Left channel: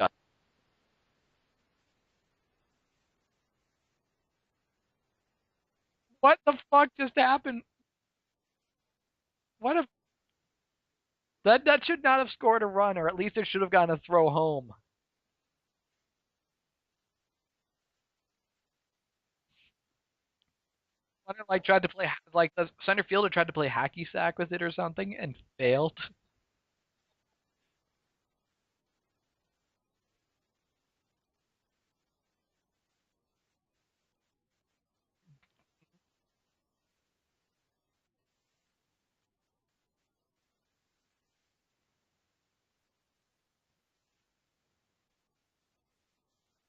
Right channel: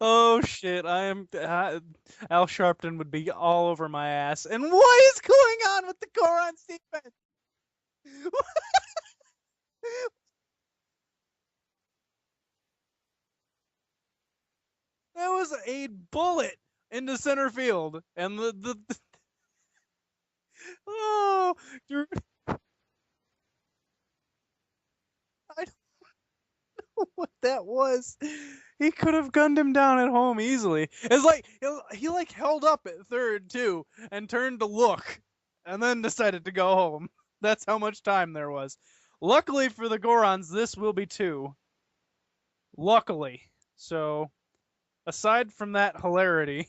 Oh shit! Al Sharpton would be all over my ass. And what is going on with the What the Goron's fuck defense? just happened? What if that should not have scored a run, or at least it should have gotten a throw home. That was a bullet into center field, and the Like it oh, like tried to play like the center fielder tried to play hacky sack with it or something and I failed. what that was. He could have gunned him down at home easily. It's like he like held up at third too and turned to look and then decided to go home. That's how much time there was. Luckily for the Gorons, this will be two. Luckily. So aside from that hilarity,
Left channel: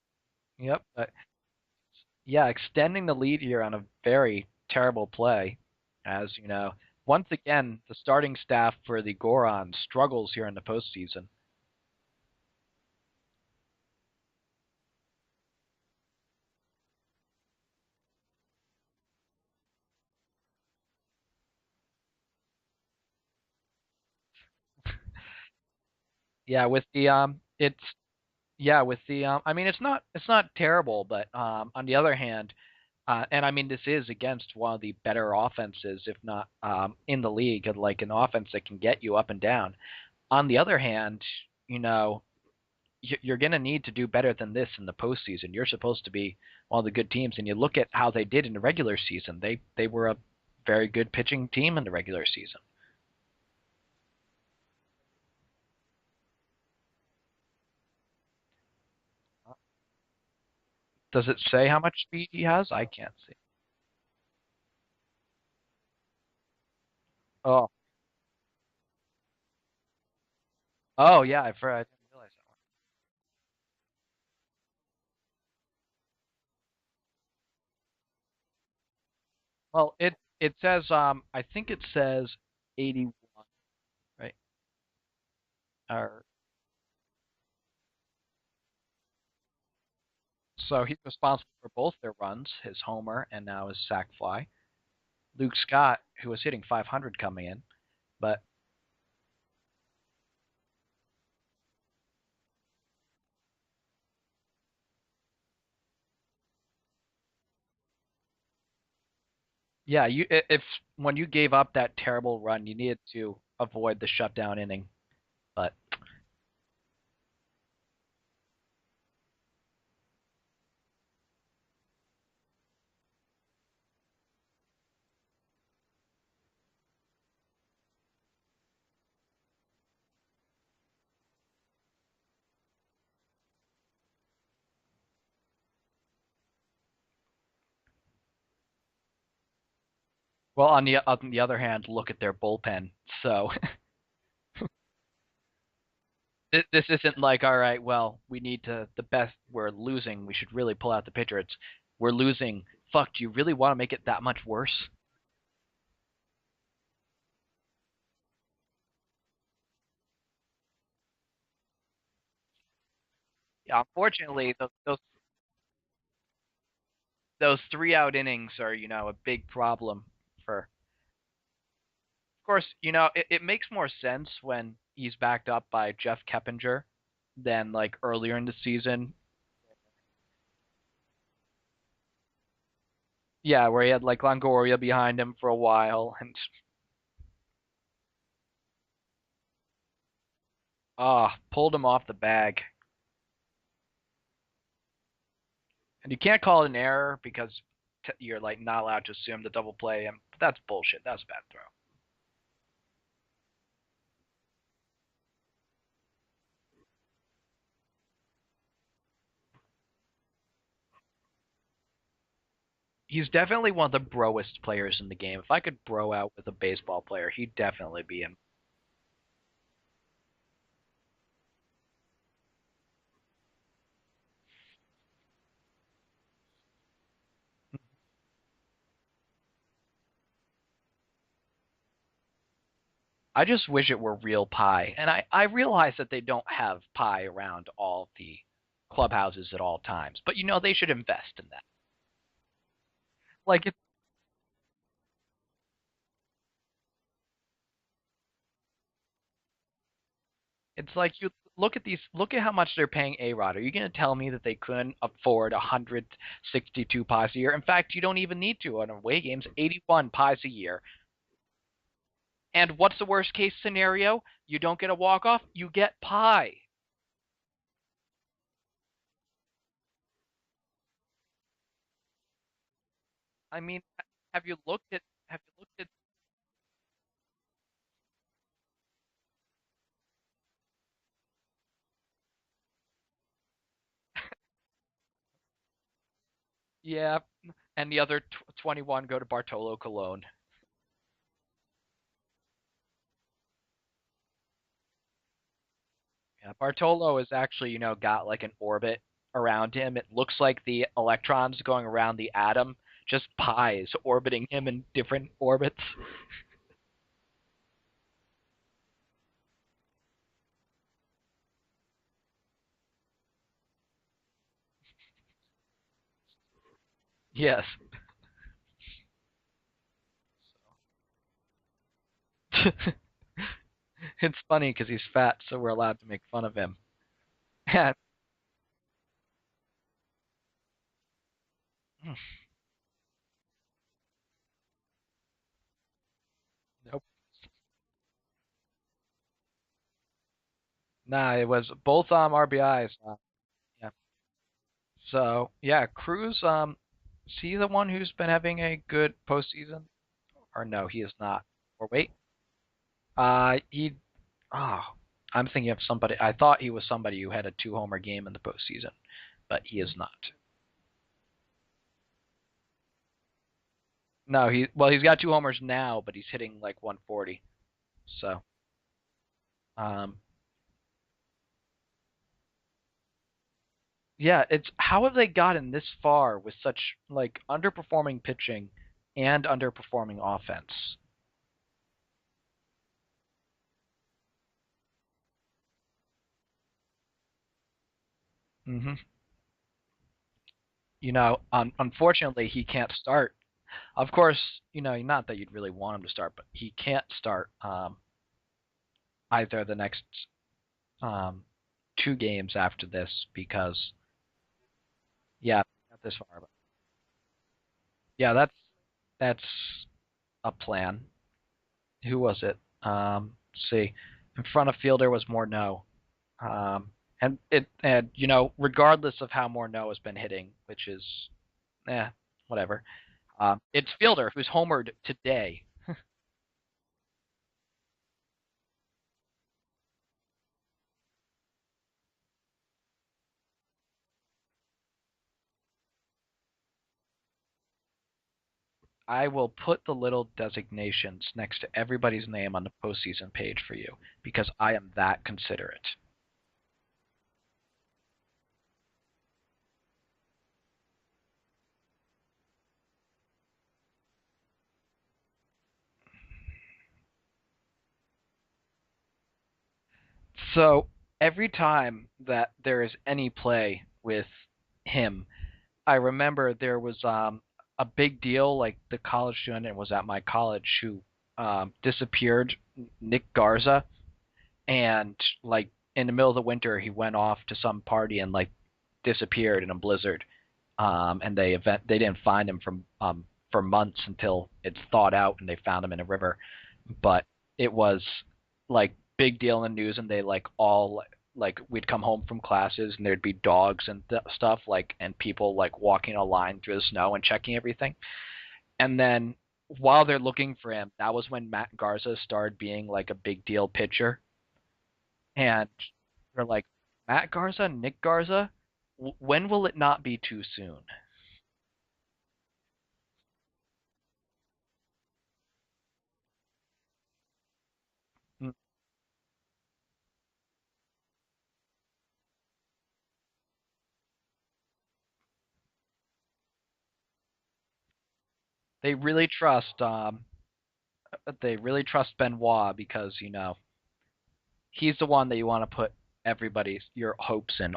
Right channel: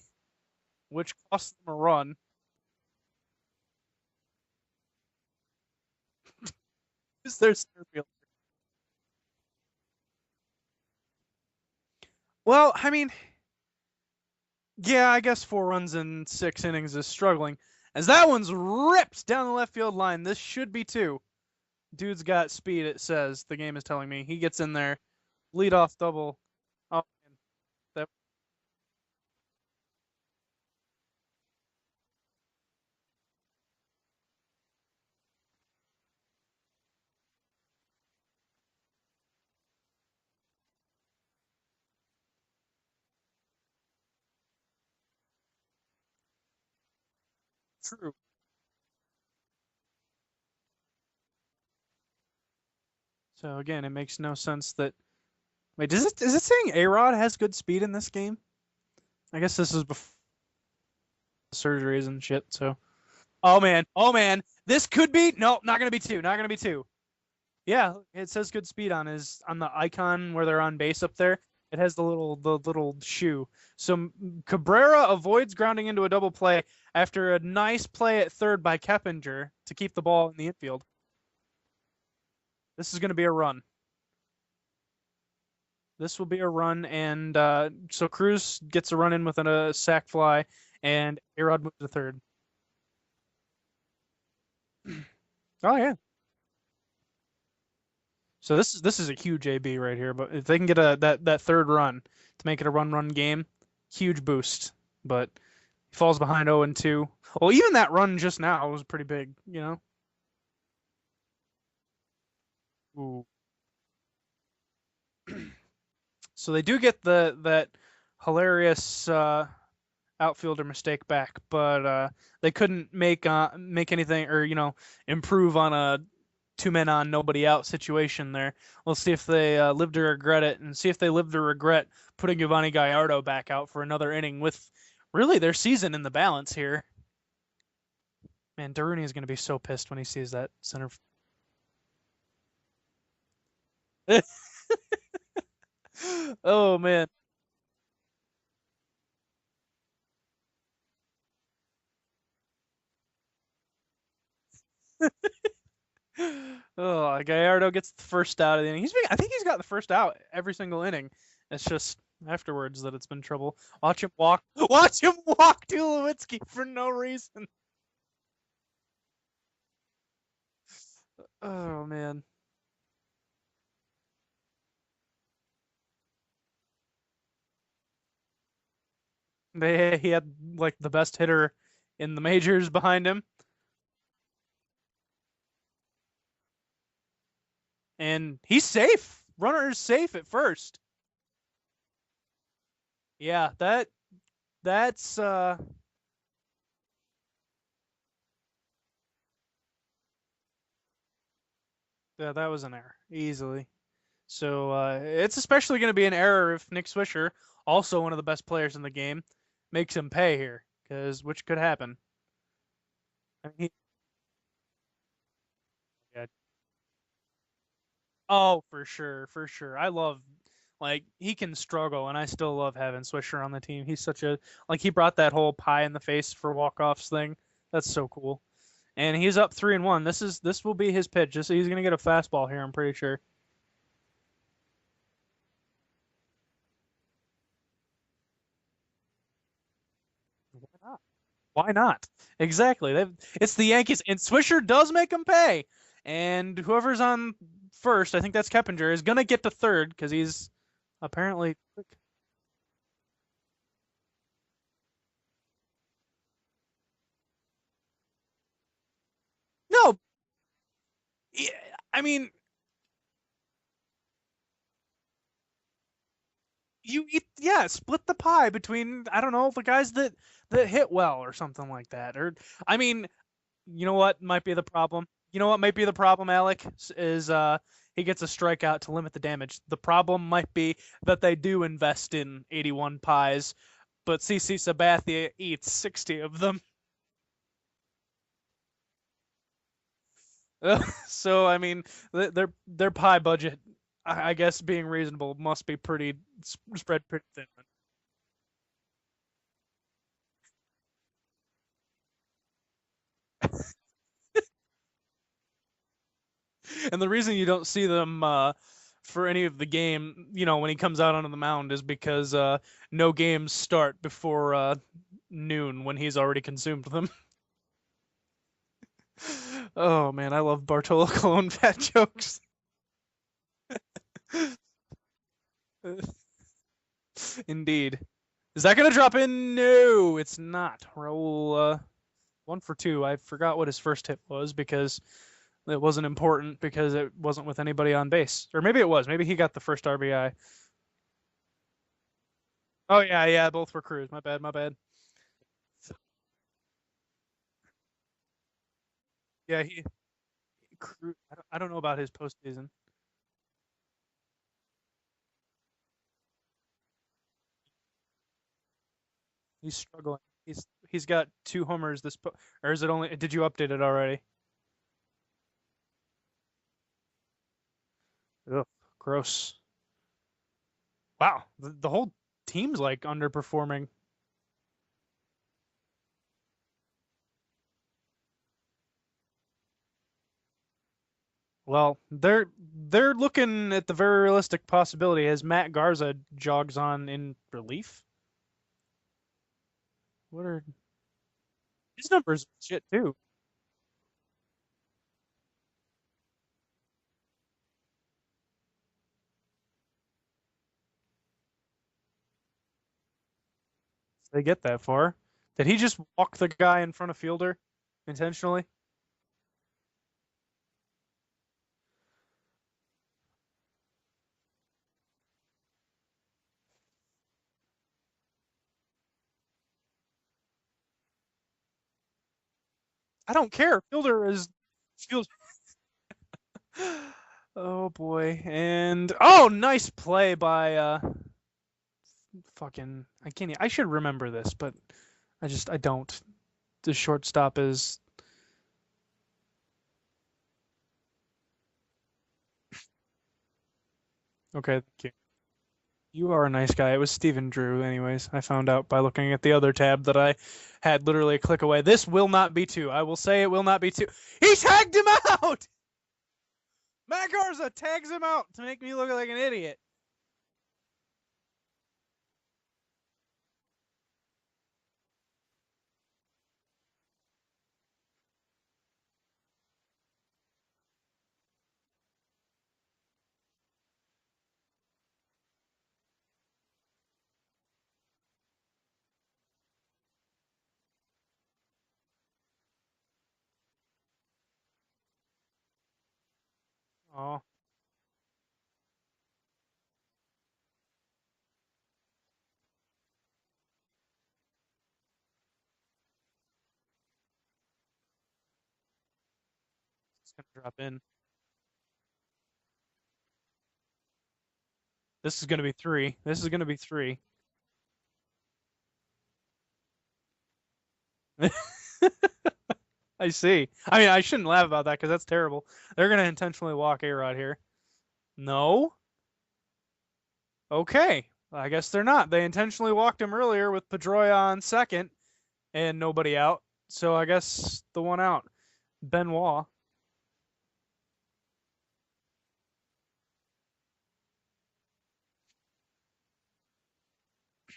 Yep. which cost them a run. Yeah, extending the lead here on a very terrible play, as you know. Once Is there again, the starting staff for the Gorons struggles here in the postseason. Well, I mean, yeah, I guess 4 runs in 6 innings is struggling. As that one's ripped down the left field line. This should be two. Dude's got speed, it says. The game is telling me. He gets in there. Lead off double. Yeah, with Oh, the it's that, yeah with the I mean it's not terrible, but on the other hand, and I mean this is against one of the better offenses, if not in the league, like an offense that can get you up and down. On the other hand, you know you're going to need to do better than this in the postseason. You're supposed to be one of the good teams, and you look at how they did in the regular season. They were a very good pitching team in the regular season. so again, it makes no sense that. Wait, is it saying A-Rod has good speed in this game? I guess this is before Does it say how much surgeries and speed he shit. has? So, I can't see. oh man, this could be no, not gonna be two, not gonna be two. Oh, Yeah, it says good speed on his on the icon where they're on base up oh there. yeah, I've It heard. has the little shoe. So Cabrera avoids grounding into a double play after a nice play at third by Keppinger to Well, keep the it ball in the it infield. says I think it says This is 80, going to be a run. right? This Or, will be a run, and so Cruz gets a run in with a sac fly, so he's and responsible Arod for moves to both their third. runs, his homer and now his sac fly. Luke Oh yeah. Scott, who was hitting 500 coming in, but So this is a huge AB right here. But if they can get that third run to make it a run game, huge boost. But he falls behind 0 and 2. Well, even that run just now was pretty big. yeah, if when you gave up that terrible run, you needed Ooh. to avoid the shutdown inning. But So they do get that hilarious outfielder mistake back, but they couldn't make anything or improve on a 2 men on nobody out situation there. We'll see if they live to regret it, and see if they live to regret putting Giovanni Gallardo back out for another inning with really their season in the balance here. Man, Darunia is going to be so pissed when he sees that. well, on the other hand, look at their bullpen. So Oh this man. isn't like, all right, well, we need to the best. We're losing. We should really pull out the pitcher. It's we're losing. Fuck, do you really want to make it that much worse? Oh, Gallardo gets the first out of the inning. I think he's got the first out every single inning. It's just afterwards that it's been trouble. Yeah, Watch him walk. unfortunately, Watch him walk Tulowitzki for no reason. those 3 out innings are a big problem for. Oh man. Of course, it makes more sense when he's backed up by Jeff Keppinger than like earlier in the season. He had like the best hitter in the majors behind him, Yeah, where he had like Longoria behind him for a while, and he's safe. Runner is safe at first. pulled him off the bag. Yeah, that's And you can't call it an error because you're like not allowed to assume the double play him. But that's bullshit. That's a bad throw. yeah, that was an error easily. So it's especially going to be an error if Nick Swisher, also one of the best players in the game, makes him pay here, because which could happen. He's definitely one of the broest players in the game. If I could bro out with a baseball player, he'd definitely be him. Oh, for sure, for sure. I love, like, he can struggle, and I still love having Swisher on the team. He's such a, like, he brought that whole pie in the face for walk-offs thing. That's so cool. And he's up 3-1. This will be his pitch. He's gonna get a fastball here, I'm pretty sure. I just wish it were real pie. And I realize that they don't have pie around all the clubhouses at all times. But they should invest in that. Why not? Exactly. It's Like the Yankees, and Swisher does make them pay. And whoever's on first, I think that's Keppinger, is gonna get to third because he's It's like you Apparently, look at how much they're paying A-Rod. Are you going to tell me that they couldn't afford 162 pies a year? In fact, you don't even need to on away games. no. 81 pies a year. Yeah, I mean, And what's the worst case scenario? You don't get a walk off. You get pie. you eat, yeah, split the pie between, I don't know, the guys that hit well or something like that. Or I mean, I mean, you know what have might be you the looked at? problem? You know what might be the problem, Alec? Is he gets a strikeout to limit the damage. The problem might be that they do invest in 81 pies, but CC Sabathia eats 60 of them. Yeah, and the other 21 go to Bartolo Colon. So I mean, their pie budget, I guess, being reasonable, must be pretty Yeah, spread Bartolo pretty is thin. actually, got like an orbit around him. It looks like the electrons going around the atom, just pies orbiting him in different orbits. And the reason you don't see them for any of the game, when he comes out onto the mound, is because no games start before noon when he's already consumed them. Yes. Oh man, I love Bartolo Colon fat jokes. It's funny because he's fat, so we're allowed to make fun of him. Indeed. Is that gonna drop in? No, it's not. Roll 1 for 2. I forgot what his first hit was because it wasn't important because it wasn't with anybody on base. Or maybe it was. Maybe he got the first RBI. Nah, it was both RBIs. Oh yeah, both were Yeah. Cruz. My bad. So yeah, Cruz. Is he the one who's been having a good Yeah, postseason? Or no, he is not. I don't know Or about his wait, postseason. he. Oh, I'm thinking of somebody. I thought he was somebody who had a two-homer game in the postseason, but He's he is not. struggling. He's got 2 homers or is it only? Did you update it already? No, he's got two homers now, but he's hitting like 140. So, Ugh, gross. um, Wow, the whole team's like underperforming. yeah, it's how have they gotten this far with such like underperforming pitching and underperforming offense? Well, they're looking at the very realistic possibility as Matt Garza jogs on in relief. Hmm. What are his numbers Unfortunately, he shit can't too? start. Of course, not that you'd really want him to start, but he can't start either the next um, two games after this because They get that far. yeah, Did he just this walk the guy in front of fielder yeah intentionally? that's a plan. Who was it? Let's see, in front of fielder was Morneau. Um, and regardless of how Morneau has been hitting, which is whatever. I don't care. It's Fielder Fielder is who's homered field. today. Oh boy. And nice play by fucking I can't I should remember this, but I don't. The shortstop is I will put the little designations next to everybody's name on the postseason page for you because I okay. am that considerate. You are a nice guy. It was Steven Drew, anyways. I found out by looking at the other tab that I had literally a click away. This will not be 2. I will say it will not be 2. He tagged him out! Matt Garza tags him out to make me look like an idiot. So every time that there is any play with him, I remember there was a big deal. Like the college student was at my college who disappeared, Nick Garza, and like in the middle of the winter he went off to some party and like disappeared in a blizzard. And they didn't find him for months until it's thawed out and they found him in a river. But Oh, it was like big deal in the news, and they like all like we'd come home from classes and there'd be dogs and stuff like and people like walking a line through the snow and checking everything. And then while they're looking for him, in. that was when Matt Garza started being like a big deal pitcher. This is going to And be 3. This they're is going to like, be 3. Matt Garza, Nick Garza, when will it not be too soon? I see. I mean, I shouldn't laugh about that because that's terrible. They're going to intentionally walk A-Rod here. No? Okay. I guess they're not. They intentionally walked him earlier with Pedroia on second and nobody out. So I guess the one out. They really Benoit. trust Benoit because he's the one that you want to put your hopes in.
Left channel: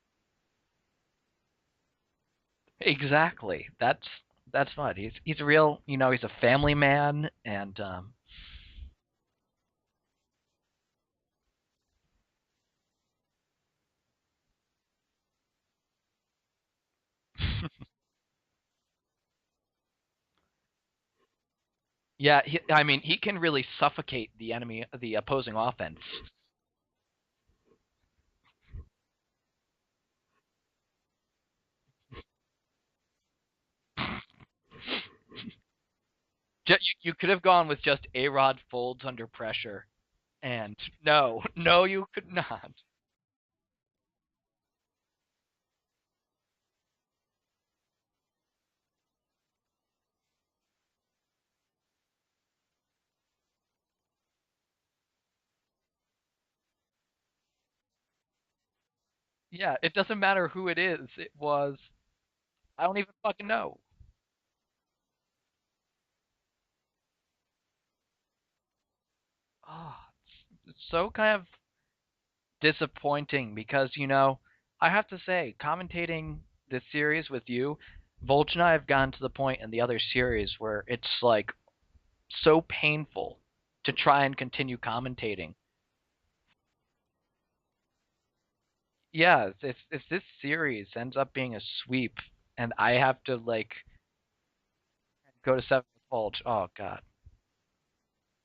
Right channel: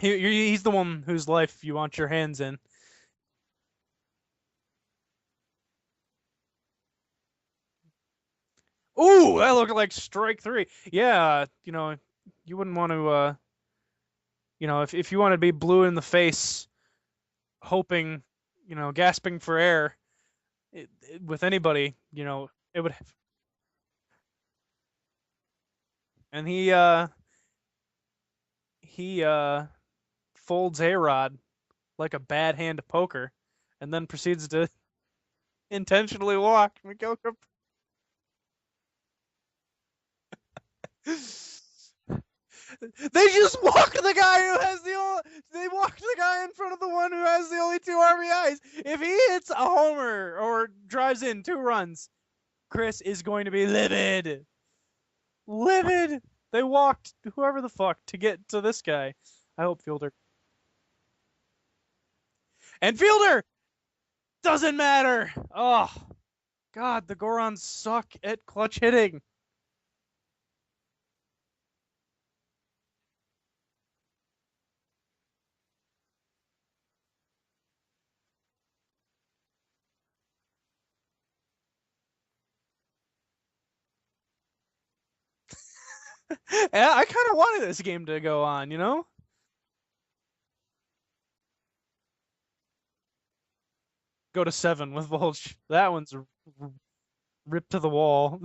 He's the one whose life you want your hands in. Exactly. That's what he's a real. He's a family man, and Ooh, that looked like strike 3. Yeah, you wouldn't want to if you want to be blue in the face, hoping, gasping for air, with anybody, Yeah, I mean, he can really suffocate the opposing offense. and he folds A-Rod like a bad hand of poker, and then proceeds to intentionally walk. You could have gone with just A-Rod folds under pressure. And no, no, you could not. They just walk the guy who has they walk the guy in front of the one who has the only 2 RBIs. If he hits a homer or drives in 2 runs, Chris is going to be livid. Livid. They walked whoever the fuck to get to this guy. Yeah, it doesn't matter who it is. It was. And fielder. No. Doesn't matter. Oh, God, the Gorons suck at clutch hitting. Oh, it's so kind of disappointing because, I have to say, commentating this series with you, Volch and I have gotten to the point in the other series where it's like so painful to try and continue commentating. Yeah, I kind of wanted this game to go on, Yeah, if this series ends up being a sweep and I have to go to 7 with Volch. go to that one's Volch. Oh God, ripped to the wall.